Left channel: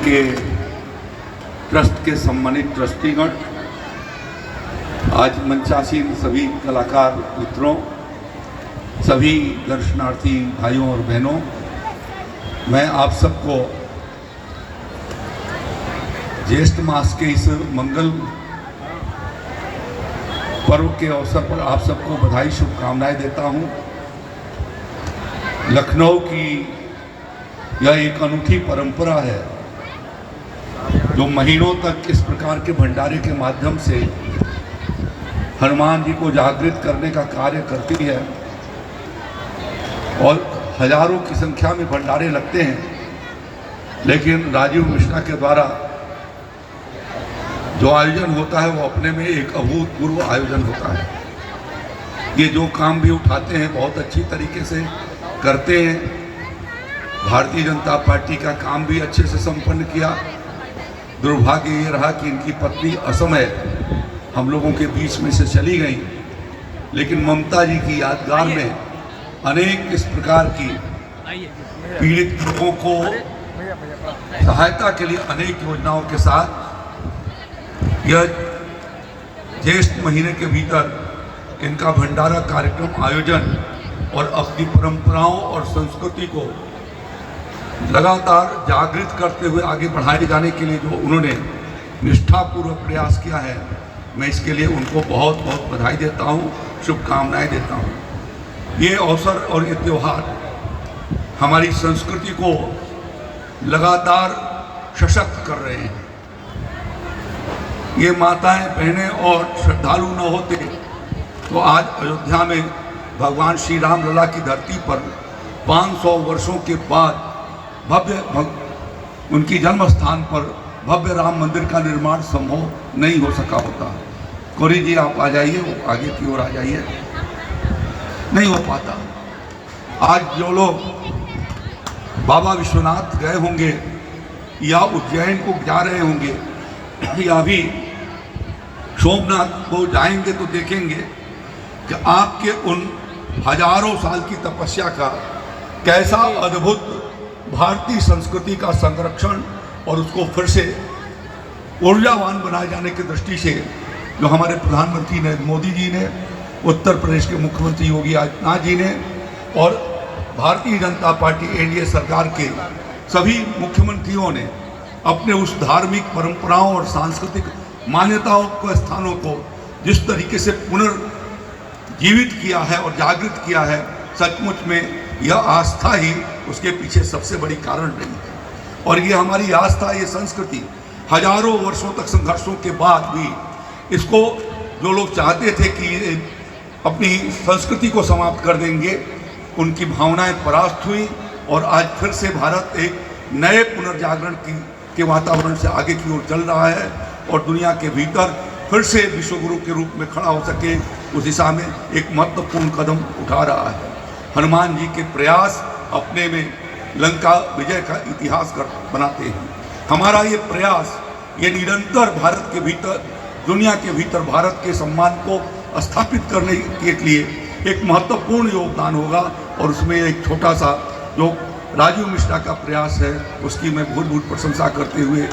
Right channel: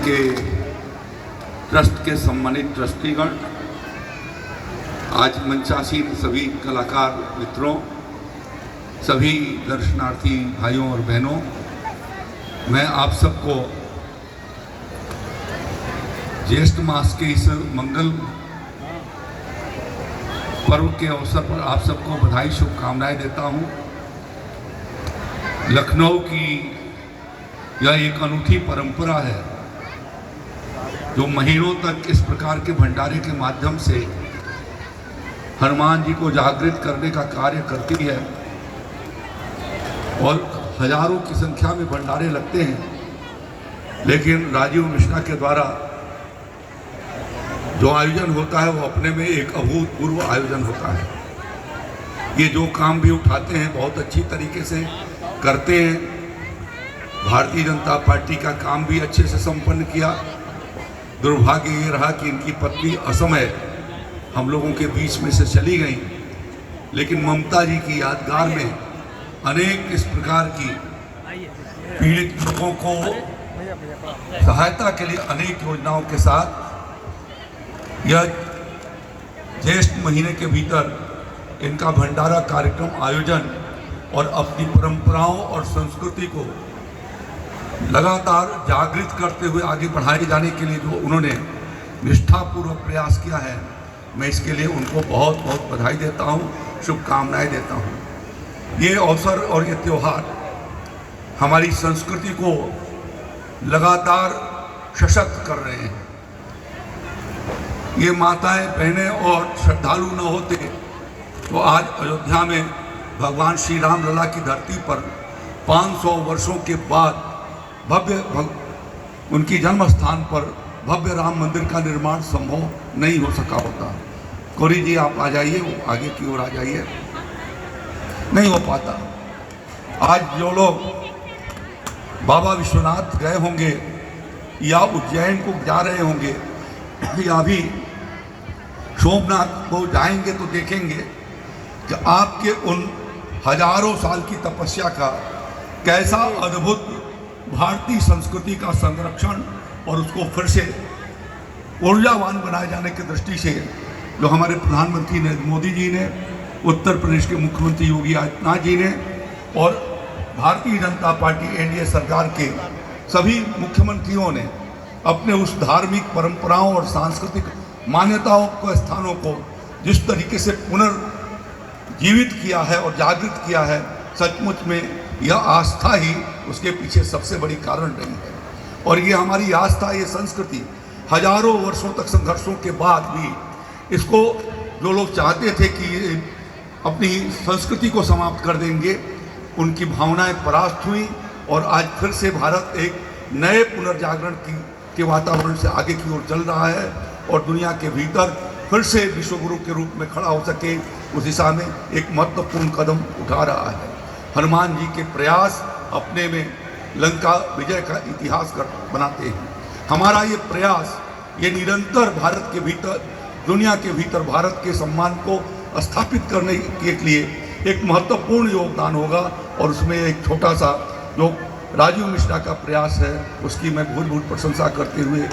के ट्रस्ट के सम्मानित ट्रस्टीगण, आज मंचासीन सभी कलाकार मित्रों, सभी दर्शनार्थी भाइयों और बहनों, मैं आप सबको ज्येष्ठ मास के इस मंगल पर्व के अवसर पर आप सबको बधाई शुभकामनाएं देता हूं। लखनऊ की यह एक अनूठी परंपरा है जो महीनों तक इस प्रकार के भंडारे के माध्यम से हनुमान जी को जागृत करने का कार्य करती है और हजारों की संख्या में भंडारे लगते हैं। लेकिन राजीव मिश्रा के द्वारा जो आयोजन होता है वो अपने में एक अभूतपूर्व आयोजन होता है। ये जो काम भी उठाते हैं बहुत अच्छी तरीके से करते हैं। भारतीय जनता पार्टी का काम भी अच्छे से संपन्न किया। दुर्भाग्य ये रहा कि इनकी पत्नी असमय हम लोगों के बीच में से चली गई, लेकिन ममता जी की यादगार में अनेक इस प्रकार की पीड़ित लोगों को सहायता के लिए अनेक योजनाओं के साथ यह ज्येष्ठ महीने के भीतर इनका भंडारा कार्यक्रम आयोजन और अपनी परंपराओं और संस्कृति को लगातार जागृत करते हुए आगे बढ़ाए जाने के लिए जो उन्होंने निष्ठापूर्वक प्रयास किया है, मैं इसके लिए उनको बहुत बहुत बधाई देता हूँ, शुभकामनाएं देता हूँ। ये अवसर और ये त्यौहार हमारी संस्कृति को लगातार सशक्त कर रहे हैं। ये माताएं बहनें और श्रद्धालु न होते तो आज अयोध्या में भगवान श्री राम लला की धरती पर 500 वर्षों के बाद उनकी जन्म स्थान पर भव्य राम मंदिर का निर्माण संभव नहीं हो सका होता। गौरी जी आप आ जाइए, आगे की ओर आ जाइए। नहीं हो पाता। आज जो लोग बाबा विश्वनाथ गए होंगे या उज्जैन को जा रहे होंगे या भी सोमनाथ को जाएंगे तो देखेंगे कि आपके उन हजारों साल की तपस्या का कैसा अद्भुत भारतीय संस्कृति का संरक्षण और उसको फिर से ऊर्जावान बनाए जाने की दृष्टि से जो हमारे प्रधानमंत्री नरेंद्र मोदी जी ने, उत्तर प्रदेश के मुख्यमंत्री योगी आदित्यनाथ जी ने और भारतीय जनता पार्टी एनडीए सरकार के सभी मुख्यमंत्रियों ने अपने उस धार्मिक परंपराओं और सांस्कृतिक मान्यताओं को, स्थानों को जिस तरीके से पुनर्जीवित किया है और जागृत किया है, सचमुच में यह आस्था ही उसके पीछे सबसे बड़ी कारण रही है। और ये हमारी आस्था, ये संस्कृति हजारों वर्षों तक संघर्षों के बाद भी इसको जो लोग चाहते थे कि अपनी संस्कृति को समाप्त कर देंगे, उनकी भावनाएं परास्त हुई और आज फिर से भारत एक नए पुनर्जागरण के वातावरण से आगे की ओर चल रहा है और दुनिया के भीतर फिर से विश्वगुरु के रूप में खड़ा हो सके, उस दिशा में एक महत्वपूर्ण कदम उठा रहा है। हनुमान जी के प्रयास अपने में लंका विजय का इतिहास बनाते हैं। हमारा ये प्रयास, ये निरंतर भारत के भीतर, दुनिया के भीतर भारत के सम्मान को स्थापित करने के लिए एक महत्वपूर्ण योगदान होगा और उसमें एक छोटा सा जो राजीव मिश्रा का प्रयास है उसकी मैं भूल प्रशंसा करते हुए